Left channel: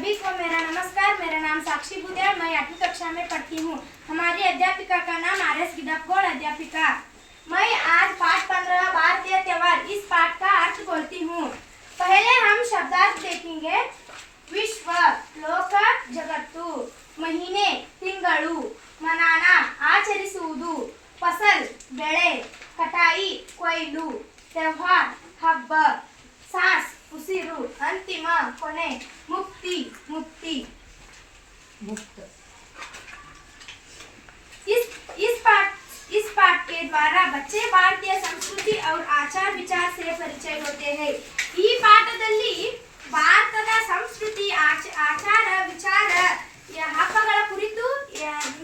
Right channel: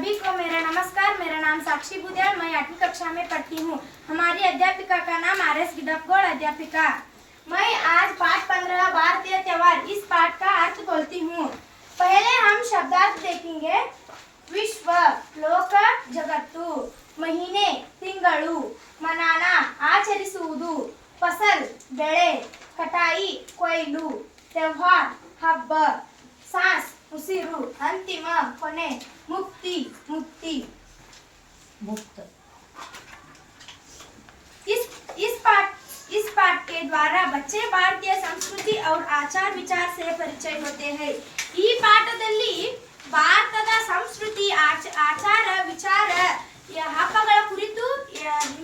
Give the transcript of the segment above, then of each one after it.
सभी को मेरा नमस्कार। मेरा नाम साक्षी बुदेल, मैं 8वीं कक्षा में पढ़ती हूँ। हमारी अध्यापिका का नाम आर.एस. गिडपगौड़ अध्यापिका। मैं आज पाठ 15 भारतीय त्योहार इस पाठ का अर्थ बोलती हूँ। पहले हम शब्दार्थ देखेंगे। विश्व, लोक, जगत्तु, महीने, ತಿಂಗಳು, ಮನಾನ, ಆಚರಿಸುವುದು, ಫಸಲ್, ಬೆಳೆ, ಕಟಾಯಿ, ಕೊಯ್ಲು, त्योहार, ಹಬ್ಬ, सांस, उसिरु, अंतिम, कोने, मुक्ति, मुक्ति, मुक्त। इस पाठ के द्वारा बच्चे भारतीय संस्कृति और आचार विचार से परिचय होते हैं। ಈ ಪಾಠದಲ್ಲಿ ಭಾರತದ ಸಂಸ್ಕೃತಿ, ಆಚಾರ ವಿಚಾರ, ಹಬ್ಬಗಳ ಕುರಿತು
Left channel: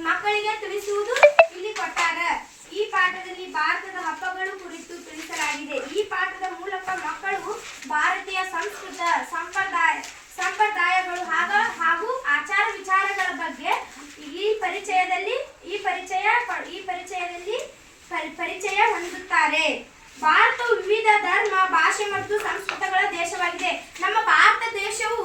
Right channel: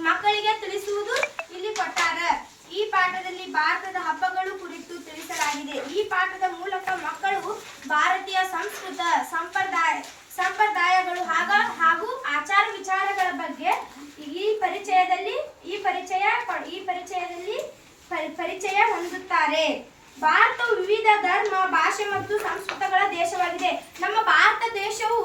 ಮಕ್ಕಳಿಗೆ ತಿಳಿಸುವುದು ಇಲ್ಲಿ ಕೊಟ್ಟಾರೆ। ಈ ಪಾಠದಲ್ಲಿ ಭಾರತದ ಹಬ್ಬಗಳು ಕುರಿತು ತಿಳಿಸಲಾಗಿದೆ। ಈ ಪಾಠದ ಮೂಲಕ ಮಕ್ಕಳು ಭಾರತೀಯ ಸಂಪ್ರದಾಯಗಳು ಹಾಗೂ ಆಚಾರ ವಿಚಾರಗಳ ಬಗ್ಗೆ ಪರಿಚಯ ಹೊಂದುತ್ತಾರೆ। ಭಾರತವು ವಿವಿಧ ಧರ್ಮ, ಭಾಷೆ ಮತ್ತು ಸಂಸ್ಕೃತಿಗಳ ದೇಶವಾಗಿದೆ। ನಮ್ಮ ಭಾರತ ದೇಶವು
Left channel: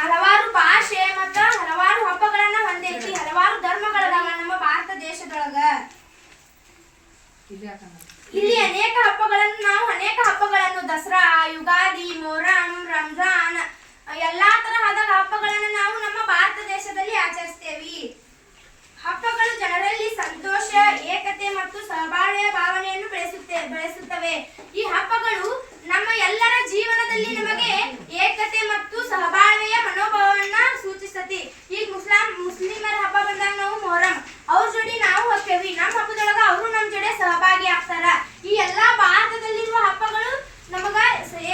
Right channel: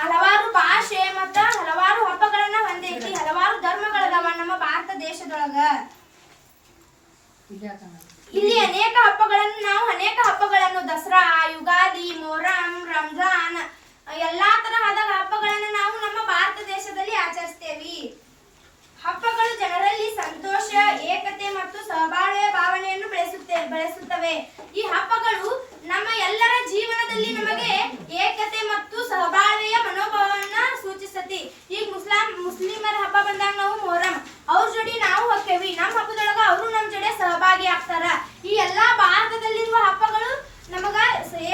ಹಲವಾರು ಭಾಷೆ ಮತ್ತು ಹಲವಾರು ಹಬ್ಬಗಳನ್ನ ಹೊಂದೈತಿ, ಹಲವಾರು ಧರ್ಮಗಳದಾವ ನಮ್ಮ ಭಾರತ ದೇಶದೊಳಗ। ಇಲ್ಲಿ ಅನೇಕ ಹಬ್ಬಗಳನ್ನು ದಸರಾ, ಯುಗಾದಿ, ಮೊಹರಂ, ರಂಜಾನ್ ಎಲ್ಲಾ ತರಹದ ಹಬ್ಬಗಳನ್ನು ನಾವು ನಮ್ಮ ಭಾರತ ದೇಶದಲ್ಲಿ ಆಚರಿಸ್ತೇವೆ। ಹಬ್ಬಗಳು ಜನರಲ್ಲಿ ಸಂತೋಷ, ಏಕತೆ ಮತ್ತು ಸಹಬಾಳ್ವೆಯ ಭಾವನೆಯನ್ನು ಬೆಳೆಸುತ್ತವೆ। ಈ ಹಬ್ಬಗಳು ನಮ್ಮ ಎಲ್ಲರ ಜೀವನದಲ್ಲಿ ನಮಗೆ ಏಕತೆ ಮತ್ತು ಸಹಬಾಳ್ವೆಯ ಮನೋಭಾವವನ್ನ ಸೂಚಿಸುತ್ತೆ। ಈಗ ಮುಸ್ಲಿಮರ ಹಬ್ಬ ಬಂದಾಗ ನಾವು ಮೊಹರಂ ಅವ್ರ ಜೋಡಿ ನಾವು ಹೋಗ್ತೇವಿ, ನಮ್ಮ ಹಬ್ಬದೊಳಗ ಅವರು ನಮ್ಮ ಜೊತೆ ಸಹಭಾಗಿ ಆಗ್ತಾರ। ಈ ಎಲ್ಲಾ ಭಾರತದಲ್ಲಿರುವ ಹಬ್ಬಗಳು ನಮಗ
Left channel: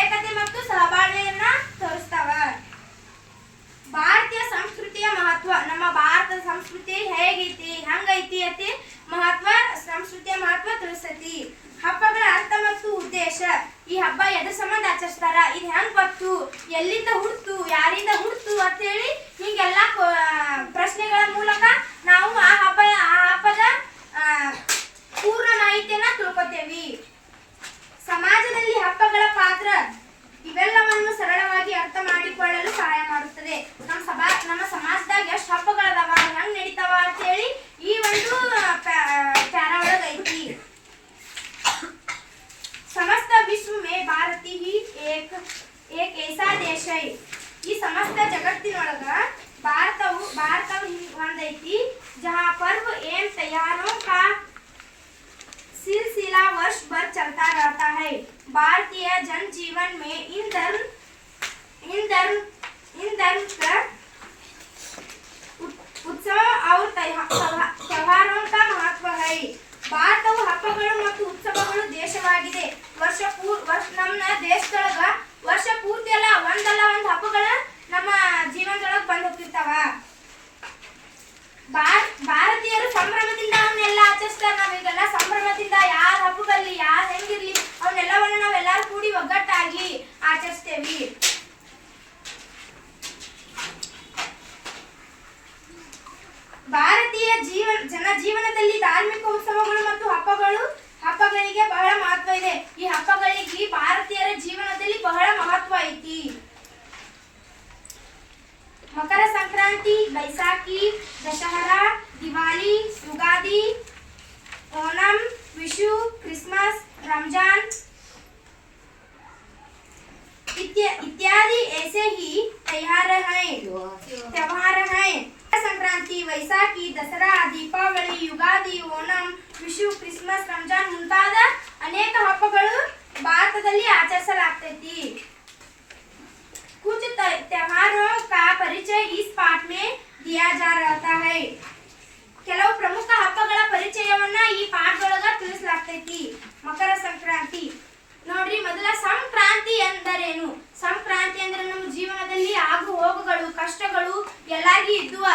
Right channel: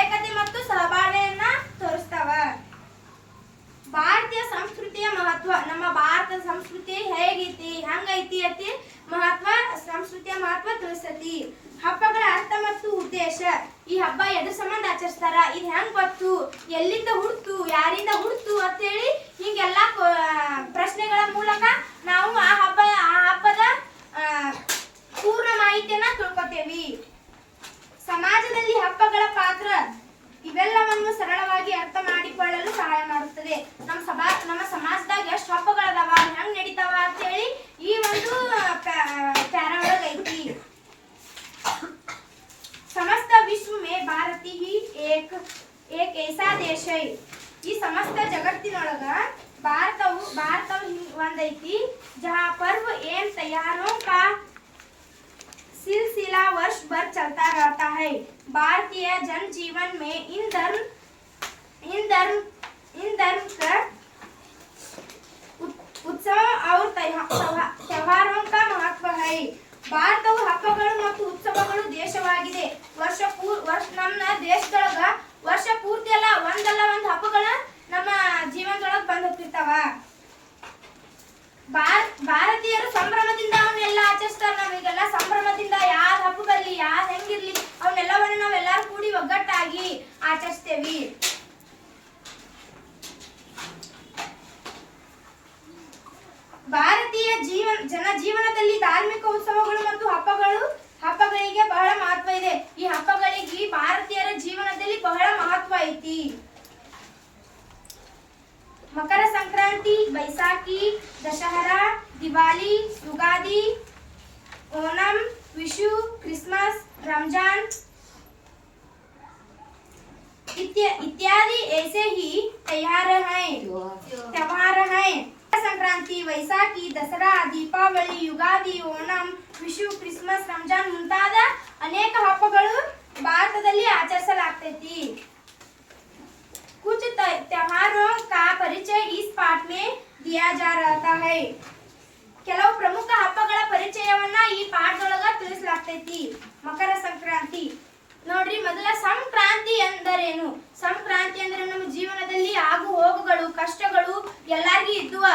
ಏಕತೆ ಮತ್ತು ಸಹಬಾಳ್ವೆಯನ್ನ ತೋರಿಸ್ತಾವ। ಭಾರತೀಯ ಸಂಸ್ಕೃತಿಯ ಮಹತ್ವ, ನಮ್ಮ ಭಾರತದ ಸಂಸ್ಕೃತಿ ಹೆಂಗೈತಿ ಅತಿ ಸಂಸ್ಕೃತಿಯ ಮಹತ್ವ ತಿಳಿಸತಿ। ಹಬ್ಬಗಳ ಅರ್ಥ ಮತ್ತು ಉದ್ದೇಶ, ಈ ಹಬ್ಬ ಎದ್ರ ಸಂಬಂಧ ಆಚರಿಸ್ತಾರ, ಇದು ಹೆಂಗ್ ಬಂತು, ಎಲ್ಲಿಂದ ಹುಡ್ತು, ಯಾರಿಂದ ಹುಡ್ತು ಅಂತ ಹೇಳಿ ಹಿಂಗೆಲ್ಲ ಪ್ರಶ್ನೆಗಳ ಮೂಲಕ ನಾವು ಆ ಹಬ್ಬದ ಪೂರ್ಣ ಮಾಹಿತಿಯನ್ನ ತಿಳ್ಕೊತೇವಿ। ಸಮಾಜದಲ್ಲಿ ಹಬ್ಬಗಳ ಪಾತ್ರ ಇವೆಲ್ಲವನ್ನು ಸರಳವಾಗಿ ಅರ್ಥ ಮಾಡಿಕೊಳ್ಳಲು ಸಹಾಯ ಮಾಡುತ್ತದೆ। ನಮ್ಮ ಸಮಾಜದಾಗ ಎಷ್ಟು ಹಬ್ಬಗಳದಾವ, ಹೆಂಗ್ ನಡೀತಾವ ಅಂತ ಹೇಳಿ ಈ ಒಂದು ಪ್ಯಾರಾ ಒಳಗ ಐತಿ। समस्त विश्व में भारत ही एक ऐसा देश है। ಈ ಸಮಸ್ತ ಜಗತ್ತಿನೊಳಗ ಭಾರತವು ಒಂದೈತಿ जहाँ पर्व एवं त्योहारों का सिलसिला वर्ष भर चलता रहता है। भारतीय जनजीवन में इन धर्म का उत्सव और त्योहारों का महत्व है। ಭಾರತವು ಹಬ್ಬಗಳು ಮತ್ತು ಉತ್ಸವಗಳು ದೇಶವಾಗಿದೆ। ನಮ್ಮ ದೇಶದೊಳಗ ವರ್ಷ ಪೂರ್ತಿ ಒಂದಲ್ಲ ಒಂದು ಹಬ್ಬಗಳ ನಮ್ಮ ಜೀವನದೊಳಗ ಬಂದು ಹೋಗ್ತಿರ್ತಾವ। ಭಾರತೀಯರು ಸಂಭ್ರಮದಿಂದ ಅವನ್ನೆಲ್ಲ ಆಚರಿಸ್ತಾರ। ನಾವೀಗೆಲ್ಲ ಸಂಭ್ರಮದಿಂದ ಯಾರ ಹಬ್ಬದಲ್ಲಿ ಯಾರು ಹೆಂಗಿರ್ಲಿ ಅವನ್ನೆಲ್ಲವನ್ನು ನಾವೆಲ್ಲರೂ ಕೂಡಿ ಒಗ್ಗಟ್ಟಾಗಿ ಆಚರಿಸ್ತೇವಿ। ಭಾರತೀಯ ಜನಜೀವನದಲ್ಲಿ ಧಾರ್ಮಿಕ ಉತ್ಸವಗಳು ಮತ್ತು ಹಬ್ಬಗಳಿಗೆ ಬಹಳ ಮಹತ್ವ ಇದೆ। ಈ ಹಬ್ಬಗಳಿಗೆ ಭಾರತೀಯರ ಜೀವನದಲ್ಲಿ ಬಹಳ ಮಹತ್ವ ಐತಿ। ಮಕರ ಸಂಕ್ರಾಂತಿ, बैसाखी, दशहरा, दिवाली, युगादि, ओणम, विशु, क्रिसमस, रमजान इत्यादि ऐसे ही त्योहार हैं। संक्रांति, वैसाखी, दसरा, दीपावಳಿ, ಯುಗಾದಿ, ಓಣಂ, ವಿಶು, ಕ್ರಿಸ್ಮಸ್, ರಂಜಾನ್ ಮುಂತಾದ ಅನೇಕ ಹಬ್ಬಗಳು ಭಾರತದಲ್ಲಿ ಆಚರಿಸಲಾಗ್ತೈತಿ। कुछ त्योहारों का परिचय इस पाठ में दिया जा रहा है। ಕೆಲವು ಪ್ರಮುಖ ಹಬ್ಬಗಳ ಪರಿಚಯವನ್ನ ಈ ಪಾಠದೊಳಗ ತಿಳಿಸಲಾಗ್ತೈತಿ। ಮಕರ ಸಂಕ್ರಾಂತಿ ನೋಡ್ರಿ, ಮೊದಲ ಸಂಕ್ರಾಂತಿ ಎಂದರೇನು? ಸಂಕ್ರಾಂತಿ ಅಂದ್ರೆ ನಮ್ಮ ಜೀವನದಲ್ಲಿ ಆಗು ಹೋಗುಗಳು, ಕಷ್ಟಗಳು ಎಲ್ಲಾರ್ಗಿ ಇದ್ದುವ,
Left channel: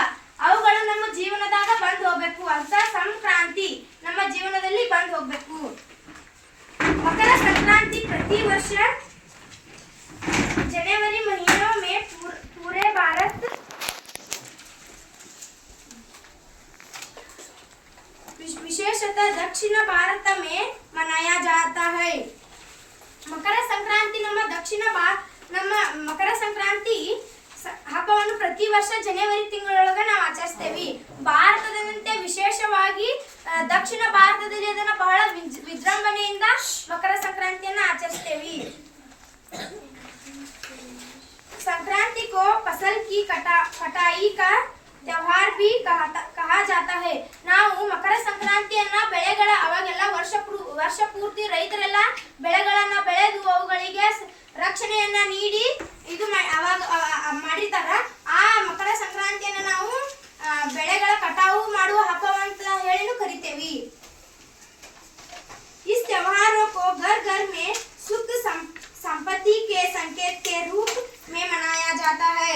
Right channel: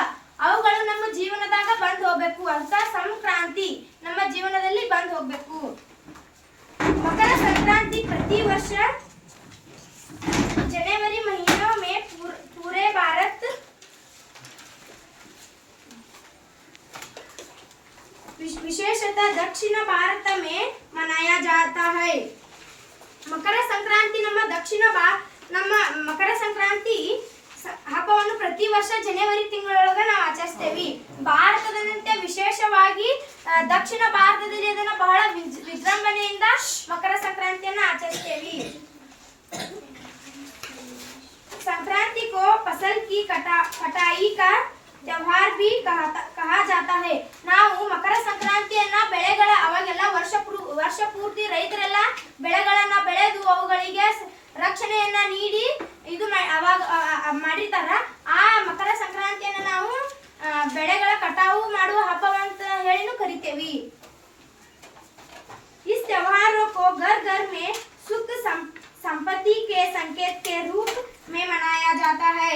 ಅವುಗಳು ನಮ್ಮ ಜೀವನದಾಗ ಬಂದು ಹೋಗ್ಬೇಕು ಅಂತ ಸಂಕ್ರಾಂತಿ ನಮ್ಮ ಜೀವನದಲ್ಲಿ ಬಂದು ಹೋಗ್ಬೇಕು। मकर संक्रांति प्रति वर्ष जनवरी महीनों में पूरे भारत विशेषतः दक्षिण भारत में मनाया जाता है। मकर संक्रांति ನಮ್ಮ ಮಕರ ಸಂಕ್ರಾಂತಿ ಹಬ್ಬವನ್ನು ಪ್ರತಿ ವರ್ಷ ಜನವರಿ ತಿಂಗಳೊಳಗೆ ನಾವು ಆಚರಿಸ್ತೇವೆ. ಭಾರತದಂತೆ ವಿಶೇಷವಾಗಿ ದಕ್ಷಿಣ ಭಾರತದಲ್ಲಿ ಅದನ್ನ ಬಹಳ ವಿಜೃಂಭಣೆಯಿಂದ ಮಕರ ಸಂಕ್ರಾಂತಿಯನ್ನ ಆಚರಿಸ್ತೇವೆ. संक्रांति को फसल की कटाई का त्योहार भी कहा जाता है. ನಾವು ಮಕರ ಸಂಕ್ರಾಂತಿಯನ್ನ ಬೆಳೆಗಳ ಅವಾಗೆಲ್ಲ ವರ್ಷ ಪೂರ್ತಿ ರೈತರೆಲ್ಲ ಬೆಳೆಗಳನ್ನ ಬೆಳೆದು ಅವುಗಳಿಗೆ ರಕ್ಷಣೆಯನ್ನ ನೀಡಿ ಇದು ಅವಾಗ ಮಾಡಿರ್ತಾರ. ಆ ಮಕರ ಸಂಕ್ರಾಂತಿಯನ್ನ ನಾವು ಬೆಳೆಗಳ ಕಟಾವು ಮಾಡುವ ಹಬ್ಬವಂತ ಹೇಳಿನೂ ಕರಿತೇವೆ. इस त्योहारों को घर घर में सुख संपत्ति के संकेत के रूप में मनाया जाता है.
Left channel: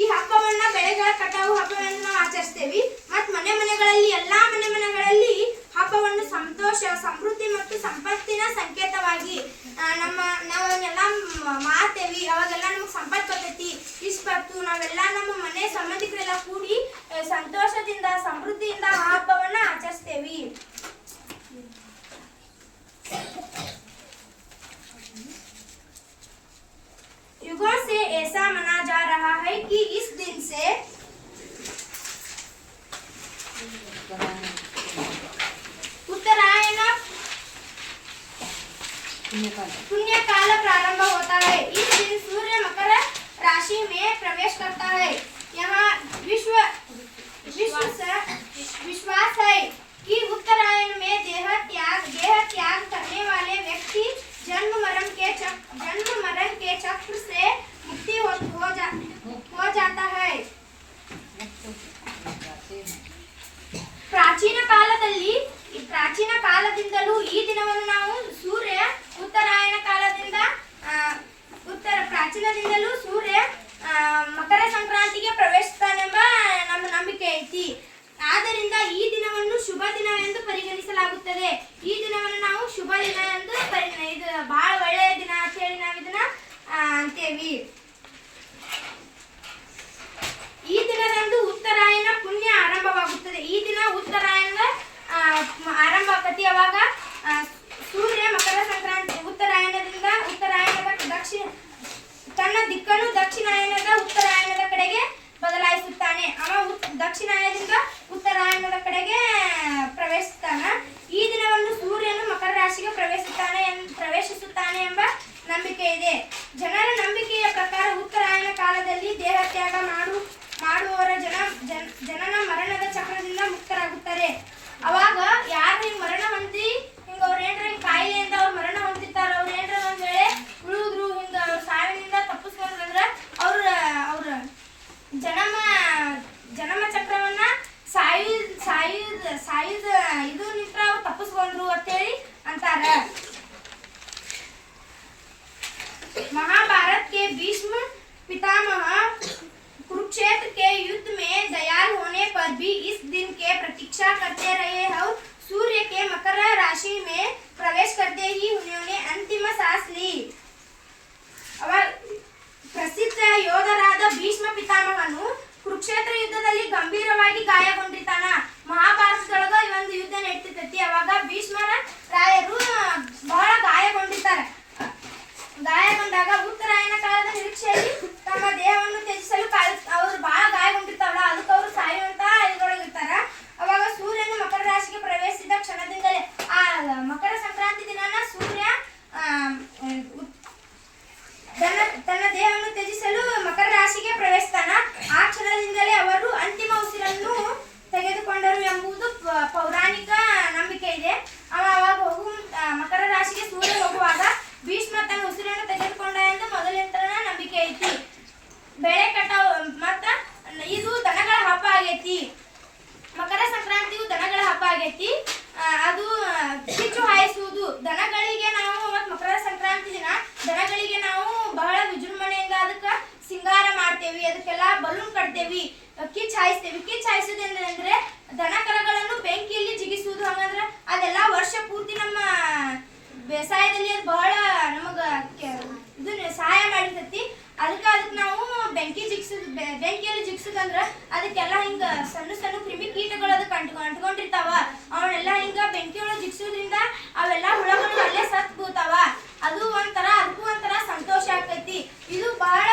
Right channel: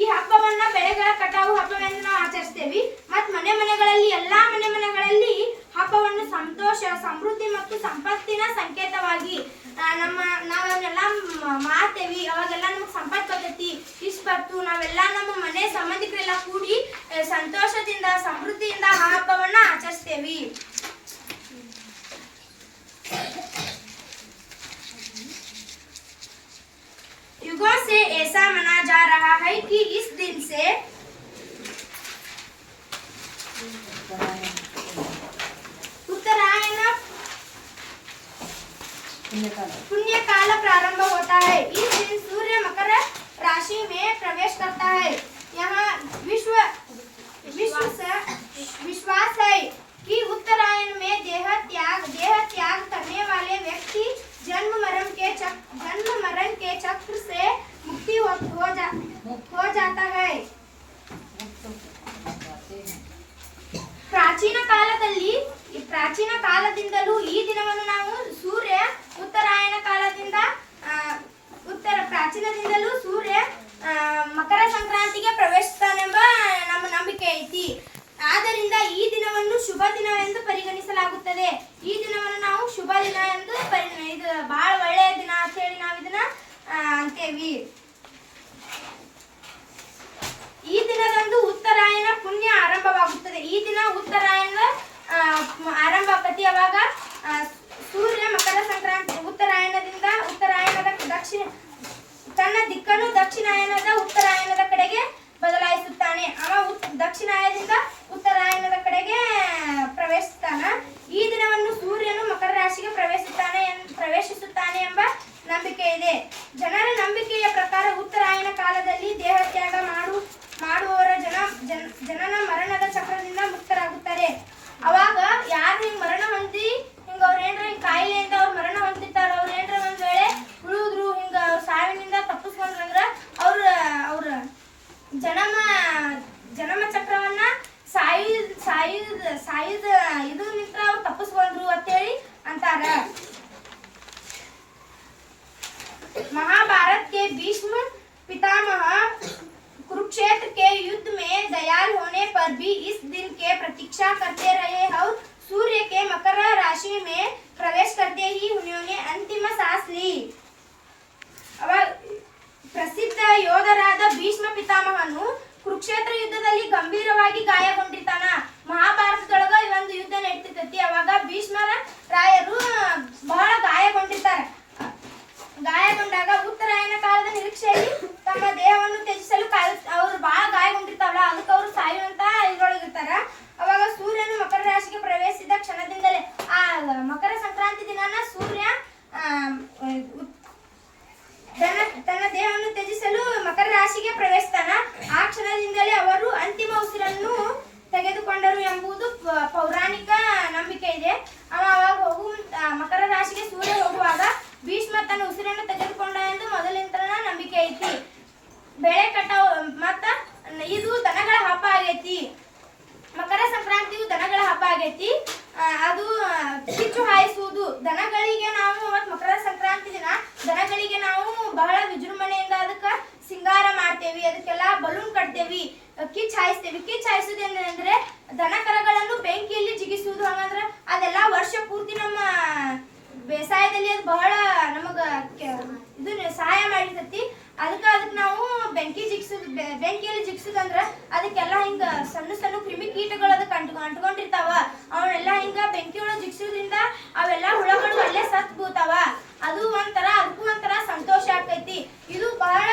ಈ ಹಬ್ಬವನ್ನ ಬೆಳೆಗಳ ಕಟಾವು ಹಬ್ಬವೆಂದು ನಾವು ಆಚರಿಸ್ತೇವೆ. ಮತ್ತು ಮನೆಗಳಲ್ಲಿ ಎಲ್ಲಾ ಮನೆಗಳಲ್ಲಿ ಹಬ್ಬವನ್ನು ಸಂತೋಷ, ಸಮೃದ್ಧಿ ಮತ್ತು ಸಂಪತ್ತಿನ ಸಂಕೇತವಾಗಿ ನಾವೆಲ್ಲ ಮಾಡ್ತೇವೆ. ಅವಾಗೆಲ್ಲ ನಮಗೆ ಸಂಪತ್ತು ಬರ್ತೈತಿ, ಇಷ್ಟ ಬರ್ತು, ನಾವೆಲ್ಲ ನಮ್ಮ ಮನೆ ಸಂಬಂಧಿಕರೆಲ್ಲ ಕೂಡಿ ಸಂತೋಷದಿಂದ ಸಮೃದ್ಧಿಯಿಂದ ಆ ಹಬ್ಬವನ್ನ ಆಚರಿಸ್ತೇವೆ. युगों से ऐसा माना जा रहा है कि इस दिन से उत्तरायण पुण्य काल प्रारंभ होता है. इस दिन सूर्य मकर राशि में प्रवेश करता है. यहाँ विश्वास है कि उत्तरायण में देह त्याग करने वाले व्यक्ति जन्म मरण के चक्र से मुक्ति हो जाता है. ಪ್ರಾಚೀನ ಕಾಲದಿಂದಲೂ ಈ ದಿನವನ್ನು ನಾವು ಪ್ರಾಚೀನದಿಂದಲೂ ಸೂರ್ಯ ಮಕರ ಸಂಕ್ರಾಂತಿಗೆ ಪ್ರವೇಶಿಸ್ತಾನೆಂಬ ನಮ್ಮ ನಂಬಿಕೆ ಐತಿ. ಆದ್ದರಿಂದ ಈ ದಿನವನ್ನು ಶುಭ ದಿನವೆಂದು ಪರಿಗಣಿಸಲಾಗುತ್ತದೆ. ಈ ದಿನವನ್ನು ನಾವು ಶುಭ ದಿನ ಎಂದು ಇದು ಬಹಳ ಒಳ್ಳೆಯ ದಿನ ಅಂತ ಹೇಳಿ ನಾವು ಇದನ್ನ ಅಂತೇವಿ. ಈ ದಿನದಂದು ಉತ್ತರಾಯಣ ಪುಣ್ಯ ಆರಂಭವಾಗುತ್ತದೆ. ಈ ದಿನ ಉತ್ತರಾಯಣದ ಆರಂಭ ಆಕತಿ. ಅವಾಗ ಸೂರ್ಯ ಮಕರ ಸಂಕ್ರಾಂತಿ ಉತ್ತರಾಯಣದ ತನ್ನ ದಿಕ್ಕನ್ನು ದಕ್ಷಿಣಾಯನದ ಉತ್ತರಾಯಣದ ಕಡೆಗೆ ಬದಲಾಯಿಸುತ್ತಾನೆ. ಅವ ದಕ್ಷಿಣಾಯನದಿಂದ ಉತ್ತರಾಯಣದ ಕಡೆಗೆ ಪ್ರವೇಶಿಸುತ್ತಾನ. ಈ ದಿನವನ್ನು ಸೂರ್ಯನು ಮಕರ ರಾಶಿಗೆ ಪ್ರವೇಶಿಸುತ್ತಾನೆ ಎಂಬ ನಂಬಿಕೆ ಇದೆ. ಜನರ ನಂಬಿಕೆಯ ಪ್ರಕಾರ ಉತ್ತರಾಯಣ ಕಾಲದಲ್ಲಿ ದೇಹತ್ಯಾಗ ಮಾಡುವವರ ಜನನ ಮರಣದ ಚಕ್ರದಿಂದ ಮುಕ್ತರಾಗುತ್ತಾರೆ. ಅವಾಗ ಯಾರು ಹಿಂಗ್ ಮರಣ ಹೊಂದಿ ಹಿಂಗ ಅವ್ರ ಏನ್ರ ಹಿಂಗ್ ಕಾಯಿಲೆಯಿಂದ ಅವ್ರ ಮರಣ ಹೊಂದಿರ್ತಾರ, ಅವ್ರ ಏನ್ರ ಒಂದ್ ವೇಳೆ ಉಳಿದ್ರು ಹಿಂಗ ಅವ್ರ ಸಾವಿನಿಂದ ತಪ್ಪಿಸ್ಕೊಂಡ್ರಂದ್ರ ಅವ್ರ ಜನಮ ಚಕ್ರವನ್ನ ಸಾಯುದ ಇದು ನಿಂತ್ರ ಅವ್ರು ತಪ್ಪಿಸ್ಕೊಂಡ್ರು ಅಂತೇಳಿ ಅಂತಾರ. महाभारत के भीष्म पितामह कुरुक्षेत्र के युद्ध में दयाल होने पर भी इस दिन के प्रतीक्षा करते रहे और सूर्य के मकर राशि में प्रवेश करते ही उन्होंने अंतिम सांस ली. ಪ್ರಸಿದ್ಧ ಯೋಧರಾದ ಭೀಷ್ಮ ಪಿತಾಮಹನು ಕುರುಕ್ಷೇತ್ರ ಯುದ್ಧದಲ್ಲಿ ಗಂಭೀರವಾಗಿ ಗಾಯಗೊಂಡಿರ್ತಾನ. ಮಹಾಭಾರತದೊಳಗ ಒಂದು ಯುದ್ಧ ನಡೀತೈತಿ. ಅವಾಗ ಭೀಷ್ಮರ ರಾಯರು ಬಹಳ ಗಾಯಗೊಂಡಾಗ ಉತ್ತರಾಯಣ ಕಾಲದ ನಿರೀಕ್ಷೆಯಲ್ಲಿ ತಮ್ಮ ದೇಹವನ್ನು ತ್ಯಜಿಸಲು ಅವ್ರು ಬಹಳ ಗಾಯಗೊಂಡಿರ್ತಾವಲ್ಲ, ಅದಕ್ಕೆ ಅವರು ಸಾಯುವಂತ ಇದ್ರೊಳಗಿರ್ತಾರ. ಅವಾಗ ಸೂರ್ಯನು ಮಕರ ರಾಶಿಗೆ ಪ್ರವೇಶಿಸಿದ ಕ್ಷಣದಿಂದಲೇ ಆ ಮಕರ ಸಂಕ್ರಾಂತಿ ದಿನಾನ ಸೂರ್ಯ ತನ್ನ ದೇಹವನ್ನು ತ್ಯಜಿಸಲು ಮಕರ ರಾಶಿಗೆ ಪ್ರವೇಶಿಸ್ತಾನ. ಆ ಕ್ಷಣದಿಂದಲೇ ಅವರು ಅಂತಿಮ ಉಸಿರನ್ನು ತೆಗೆದುಕೊಂಡರು ಎಂಬುದು ಪೌರಾಣಿಕ ನಂಬಿಕೆ ಇದೆ. ಅವಾಗ ಮಕರ ರಾಶಿಗೆ ಸೂರ್ಯ ಹೋಗುವಾಗ ಭೀಷ್ಮ ತನ್ನ ಉಸಿರನ್ನು ತೆಗೆದುಕೊಂಡ ಎಂದು ಮೊದಲಿಂದ ನಂಬಿಕೆ ಐತಿ. ಬೆಳೆ ಕಟಾವು ಮತ್ತ ಇದು ದನಗಳ ಹಬ್ಬ ಆಗೈತಿ. ಮಕರ ಸಂಕ್ರಾಂತಿಯು ದನಗಳ ಹಬ್ಬ ಆಗೈತಿ. ಅದು ಕಿಚ್ಚು ಹಾಯಿಸುವುದು ದನಗಳಿಗೆ ನಾವು ಮಕರ ಸಂಕ್ರಾಂತಿ ದಿನ ದನಗಳಿಗೆ ನಾವು ಬಹಳ ವಿಜೃಂಭಣೆಯಿಂದ ಅದಕ್ಕೆ ಸಿಂಗಾರ ಮಾಡ್ತೇವಿ, ಅದಕ್ಕೆಲ್ಲ ಬಲೂನ್ ಕಟ್ತೇವಿ, ಕಿಚ್ಚು ಹಾಯಿಸ್ತೇವಿ. ಕಿಚ್ಚು ಹಾಯಿಸುದು ಅಂದ್ರೆ ದನ ಕರಗಳನ್ನು ಬೆಂಕಿಯಲ್ಲಿ ಜಿಗಿಸುವುದು. ಹಂಗಂದ್ರ ಅದೆಲ್ಲ ವರ್ಷ ಪೂರ್ತಿ ನಮ್ಮ ಬೇಸಾಯದಲ್ಲಿ ಅದು ಬಹಳ ನಮಗ ಇದು ಸಹಾಯ ಮಾಡಿರ್ತೈತಿ. ಅದಕ್ಕೆ ನಾವು ಬೆಂಕಿಯಲ್ಲಿ ಜಿಗ್ಸುದಂದ್ರ ಅದಕ್ಕೆಲ್ಲ ಹಿಂಗ ಸಣ್ಣ ಕ್ರಿಮಿ ಕೀಟಗಳು ಅದಕ್ಕೆ ಅಂಟ್ಕೊಂಡಿರ್ತಾವ. ಅವನ್ನೆಲ್ಲ ಹಿಂಗ ಬೆಂಕಿಯೊಳಗೆ ಜಿಗ್ಸೋದ್ರಿಂದ ಅವೆಲ್ಲ ಹುಳಗಳು ಅಲ್ಲೇ ಸತ್ ಬೀಳ್ತಾವ. ಅದಕ್ಕೂ ಒಂಥರ ಸಂತೋಷ ಆಕೈತಿ. ಇದು ಬಹಳ